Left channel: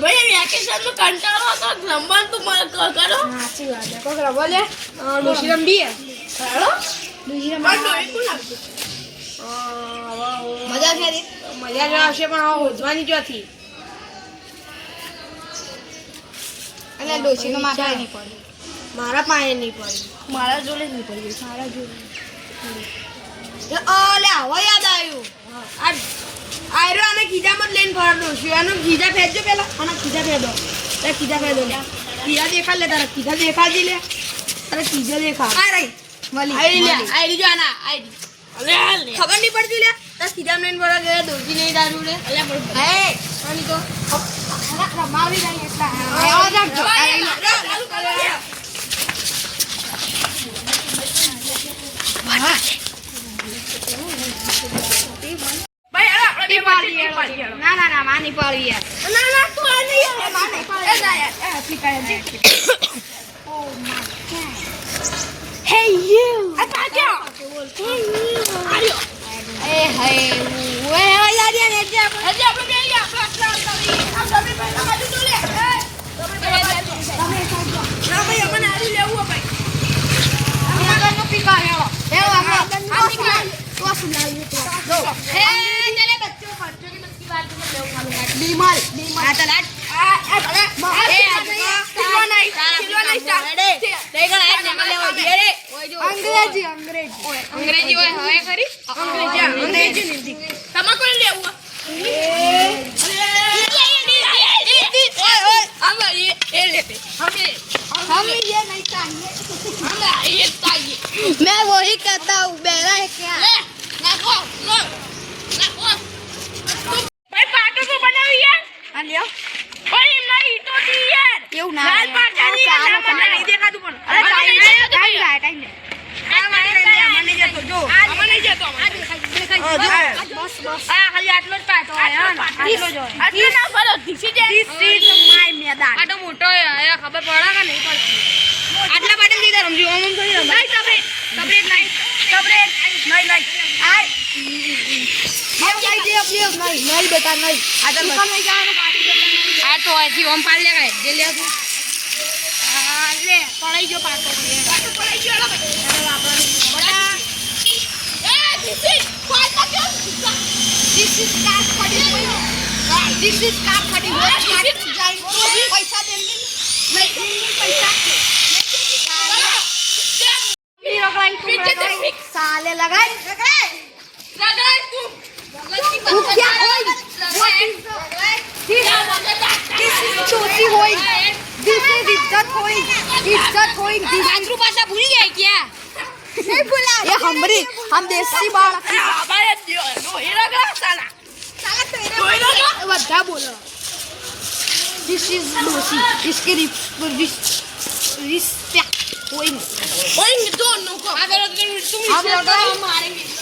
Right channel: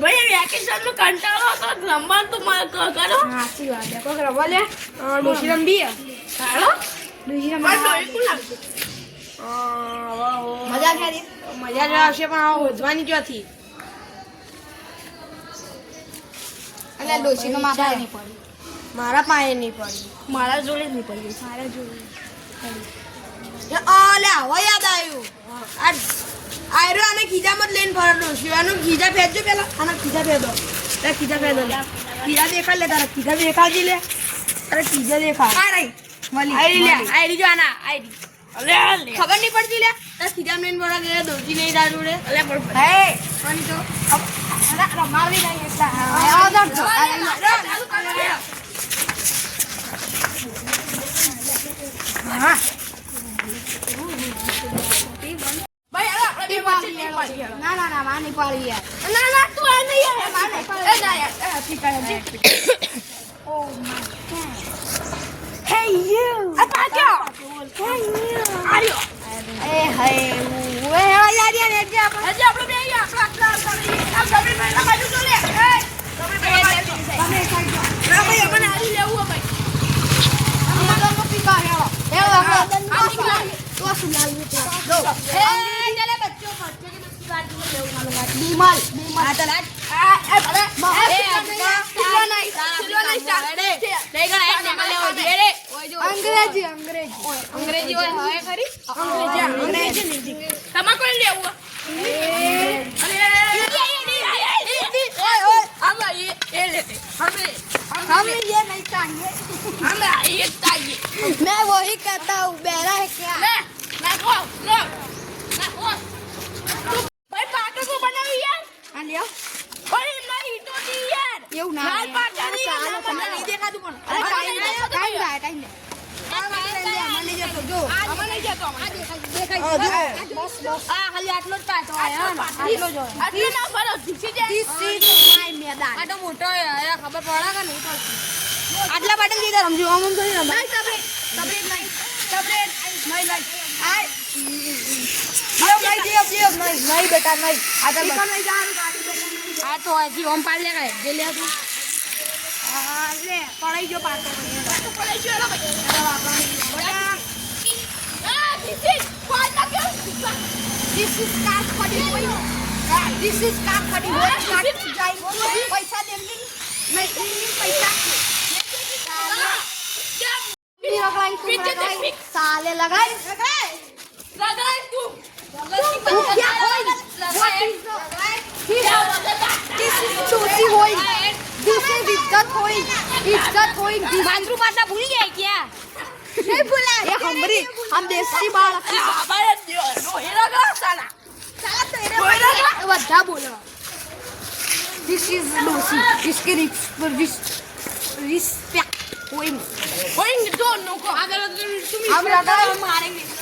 ભાઈ વેકેશન નો કંટાળો હતો. રમવાનું તો મને કરો. સાચી વાત છે. કોક રમવા લે હેલો. મારે કોણ મજા જો આવશે પણ હવે વધવાની જોથી એટલે ડોશીનો માપા નહીં પડી. મારા પાસે નહીં પડી. મારા જોડે જ નહીં પડી. મારા જોડે. અલે હવે યાદ આવ્યું. આ આયરો આને ખીજામાં જ લઈને ફરતો શિવાનું ખીજા ફેંચજો પેલા. આના ખીજા ફેંદો તારે ખીજા ફેંદો લે. ખીજા દેખા લે તારા. ખીજા દેખાજી લે. તારે ખીજા દેખા આ રહી. મળી આઈ લે. જો આના આઈ ખબર નહીં પડતી લે. ખીજા લઈને ફરવા ગયા દોડતી નહીં દારૂ રે અલે પણ હે. આની તો. રમાવી નહીં એટલે. આવો રાખજો ભાઈ હેલો આપણે બે પાડી પાડી હેલો ના ના ના માની પાડવી યાર ના ના તું આ નહીં યાર માને એ ના યાર ઠીક છે Hey you! આ પાડ્યો આર્યો એ હે ઓએ યાર યાર યાર યાર હજી આપણે બે અહીંયા આપણા આપણા આપણા ગમી ભાઈ બાજુ લે તમે ખાજો ના ભાઈ અમને આરી લેવું ભાઈ અમે તો પીકા હેળો હેળો આપણે આ નીકળ तो सुना ये तो लो ए चले बच्चों बच्चों की मस्ती बात को मैं उठा लूंगा बीमल बीमल आता लाट अरे खिलवा नहीं खिलवा नहीं स्टार देखो ना एक नंबर लेवा दे रे अंग्रेजी अंग्रेजी ओए अंग्रेजी ओए है खरी अंग्रेजी अंग्रेजी हिंदी तमा को ले हुआ अरे हम ये लेते हमें हमें ये नहीं चाहिए हमें ये चाहिए मैं वही कहता हूँ बेरा है क्या એવું ના લાલ પાટા ના મને નહીં દેખાતું પણ. અરે અરે ટાઈમ નહીં ટાઈમ લાય ટાઈમ આમાં નહીં જતો જો. આમાં નહીં જતો હા, જો. બસ બસ. આ ખાલી આટલો જાય. મોટો આટલા સમજો થોડી નહીં નહીં નહીં આય. લ્યો, ભાઈ, લ્યો, લ્યો. નહીં, નહીં બેટા, નહીં. આ તો આ તો અહીંથી ઓમ પાડ લેવાય. જે લે તું લે, પડાઈ ગયો પાટો પડાઈ ગયો લા ભાઈ. બટા. એ ધીસી ફોટા કેવું This is car ખડી હોય. This is car ખડી હોય. ગાડી જાય પૈસા દે નહીં પૈસા હીરો લગાઈ તું લગાઈ. ચોથી હોય દિસે ઇજ્જત હોય ઇજ્જત હોય ગાંધ્રુ પાછા ભૂલી જાય ક્યાં નહીં ભૂલા એ હમરી હમ દેશી બાળ હમારે રોહિરા ગા સાલા સાલા તેરે રોહિરા ગા બધા બોલો This is Lucy. This is respect. Point. Point. Don't. I'm not going to. I'm not going to.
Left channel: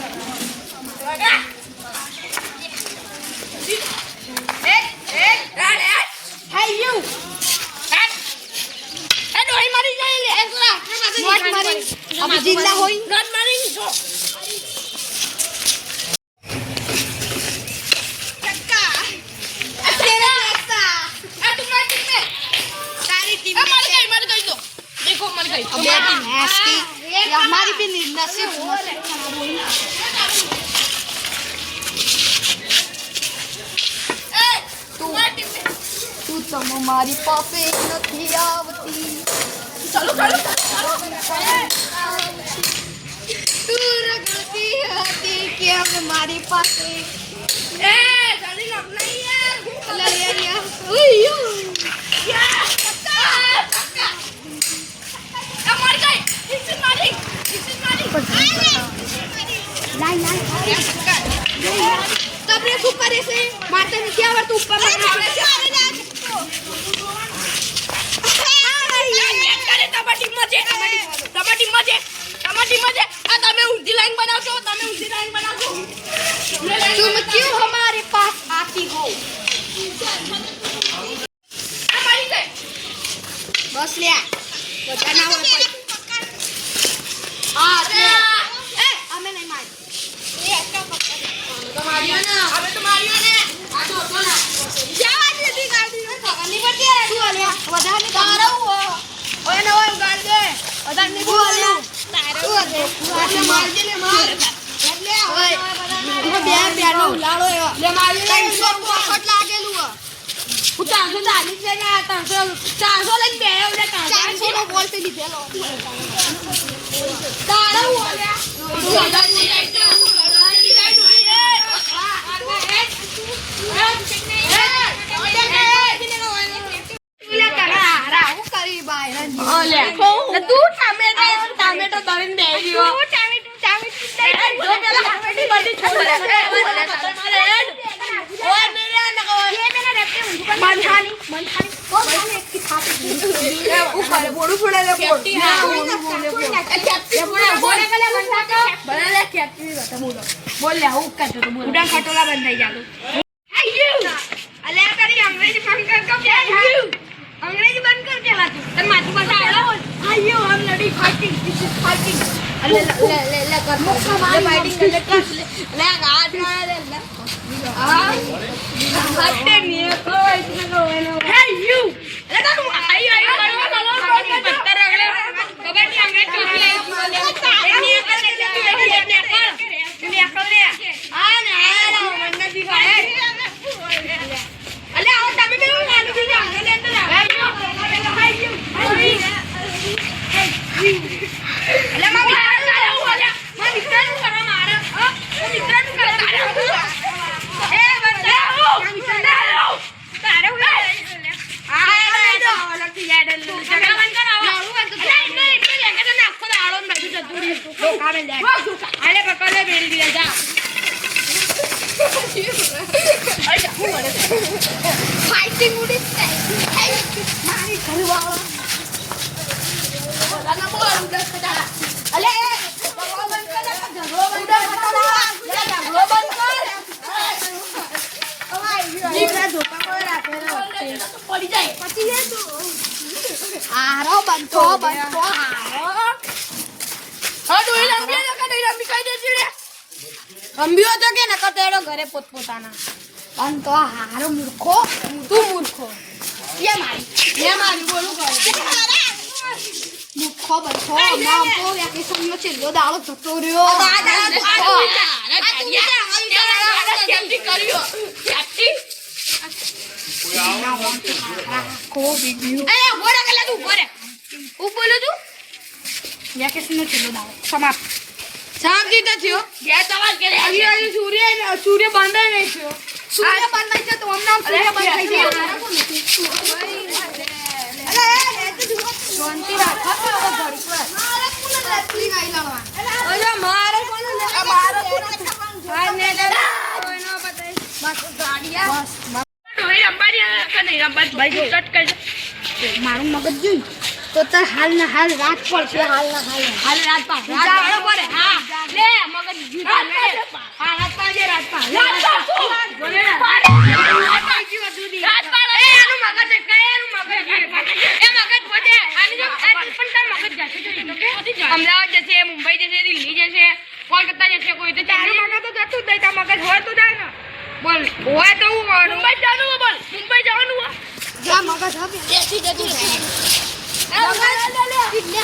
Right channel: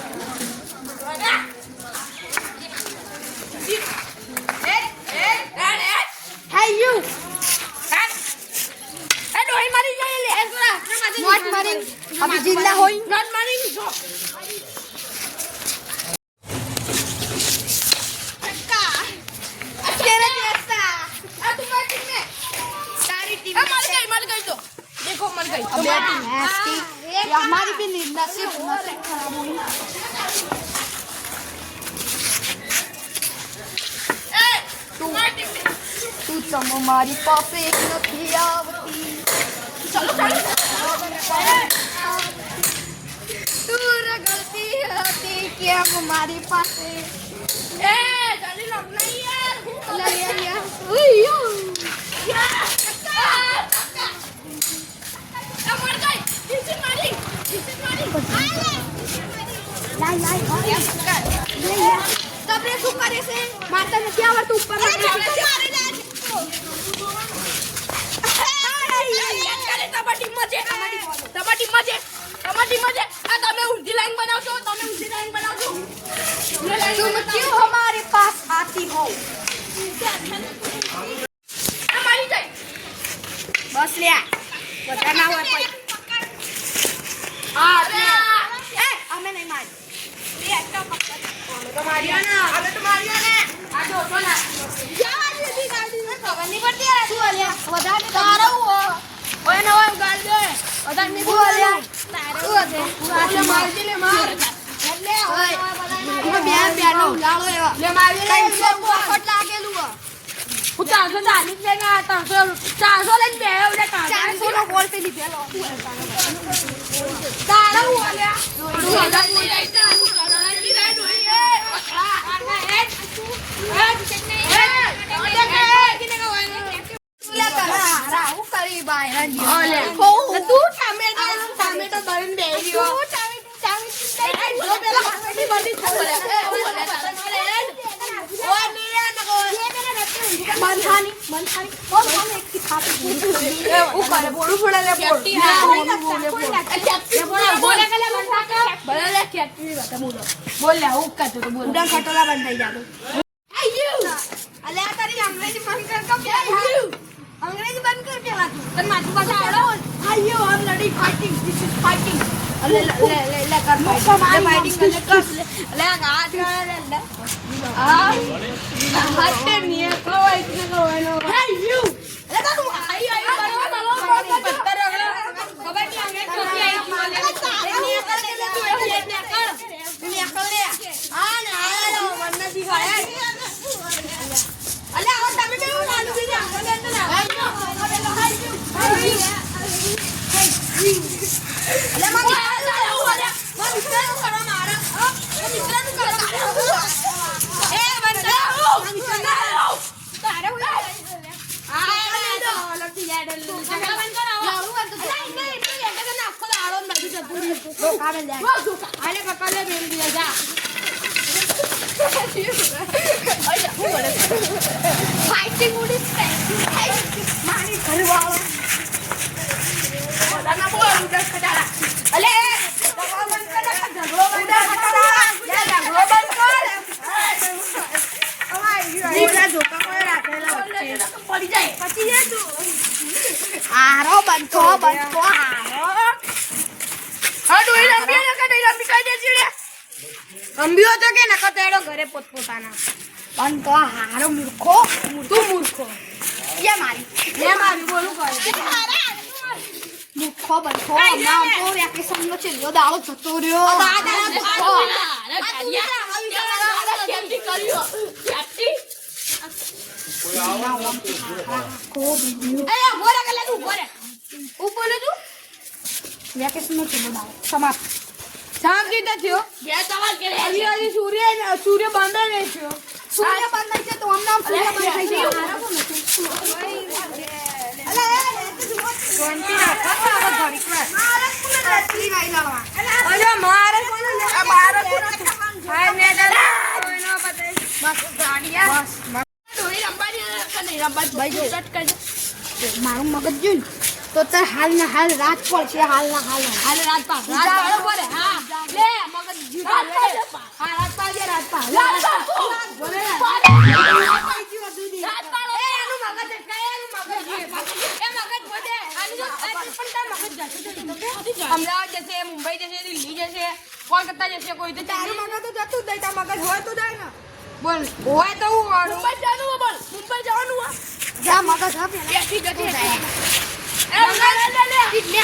अभी जिंदा होई तेरे देखता सारी टीम देखो मर गई हमारी भैंस की ये हमारी भी नि- नसीब नसीब खराब हुई તું તું તમ મારી પાસે નથી આવતી તું રગડતી હતી કેમ મારી પાસે શું કરે છે મારતા નથી આવડતું ઉપર તમારી ટીમમાં છે તમારી ટીમમાં છે આ તમે ઊંધી લાઈન બનાવશો તમે ઊંધી લાઈન બનાવશો. तुम क्यों हमारे पास आती हो તમારી છે. બસ લે બધા ના હોય કોઈ. હા એટલે એ અમે નહીં મારી. એ એકલા પકડ તમારી ને હવે તમારી ને. આ જો તો ના જવા દીધી ગાડી ને ખબર નહીં પડતી આ. દીવાની વધારે તારું હોય. ઓય ન હોય ગાડી રેપટે ઊંધું કરી બંધાની, બંધાની. બહુ ખાલી એકથી ખાતી હતી. હું કરે બોલું પડે લે બોલ ના, બોલે, બોલે, બોલે. બોલે કલે બંધા કે બોલે લે હું કરતો તો બોલ ઉડાન ખટોલા બંધાઈ જાતો. અલે તારી અંગ્રેજી બંધ કર કમ કે અંગ્રેજી બંધ કર કેલા તું તને માથું પાસે આવડો આયો, I'm ready fighting. This is fighting. અલે લે લે લે કર ફાઇટિંગ લે કર. લે આ લે લે લે આ હટે ની કોઈ ઇતને કો એનો હે યુ અલે તારું આઈ આઈ બનો બનો પત્તર અગલે ખબરની અંગ્રેજ ચોરી આઈ એની કર લે લે લે કર લે કર લે આ ને આ મને દી વાળે અલે આવો તમે બે નાનું બી જા લે લે હે યુ હે યુ અલે મમ્મી તારે હું અલે મારા મિત્રનું કરવા મારે હા મારા મિત્રનું કરવા તારે હું એ બંદે હું તારે હું આ એ લડતી જાય ડલ ઝઘડા બંધ કરાવો અલે ઇને ઇને લેકે તને આખો દાડો ને બધું જતું રહ્યું કામે લે. આલે પકડ લે બેરી જા. Fighting ઉડી મારી ઘરવાળો. બધાના બોલ ઉડસ ખટાડા અલે દવા બંધ કર ઝઘડો બંધ ઉડા ખટાડા. લે ઝઘડો બંધ કર. ઓલા ધોકા કોઈ રાખેલા વચ્ચે. પડી જાય. પછી હે બંધો બંધો હારો હા તું એ રમ્યો ને કે નહીં રમી કઈ દેતી રે રમ્યો તો કે નકર તેડો ઘરે પોતપોતાના. બંધો હારો મૂર્ખો તું મૂર્ખો. યે મારી એ મારી બોલું કરે મૂર્ખો બંધો હમણાં તો વેકેશનનો છેલ્લો દાડો જતો રહ્યો. મૂર્ખો. આખો બીજું વેકેશનનો છેલ્લો દાડો સમાપ્ત શાંતિ તો થયો આવી આવી સૂર્ય સૂર્ય બંધ નહીં થયો. સૂર્ય બંધાય છે તો અમને સૂર્ય બંધ તો શાંતિ રાખો મારે નહીં નહીં મગજ જોઈ તો તાર હાલ ના હાલ રાત પડશે હાલ ના હાલ. હાલ રાત પડે હા. લે મગજ જીતા લે. રાત રાત રાત એ એનું મગજ છે મગજ એ મગજ પોતે આની જો પણ તાર મગજ જશે જો કે અમદાવાદ જશે મુંબઈ જશે દિલ્હી જશે કોલકાતા જશે કોઈ તો તારું મગજ તો જતું જ નહીં મગજ હોય તો જાય ને. બોલ હોય તો હું મુંબઈ જવાનું બોલ. મુંબઈ જવાનું જ્યાં મગજ હવે જતું જાય એ મગજ લે લે લે.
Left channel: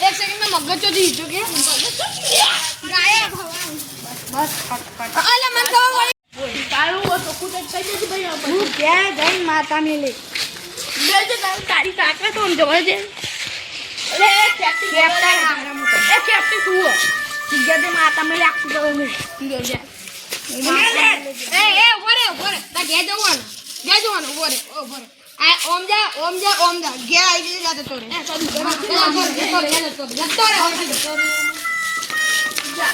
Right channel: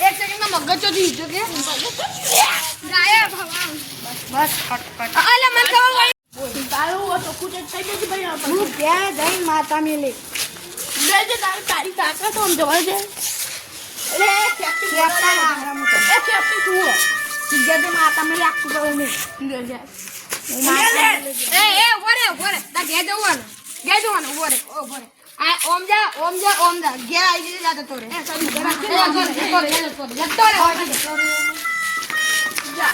એક સેકન્ડમાં મગજ તો દીધો કે ગાયબ હવા બસ ફટફટ અલે મને હું ક્યાં જઈને માતા મેલે? તારી તાકાત આમ જવા છે માતા મેલે આખું જવાનું. ઘેર જવાનું ઓમ જા ઓમ જા ઓમ જા. ઘેર આવી જતો રે. જતો રે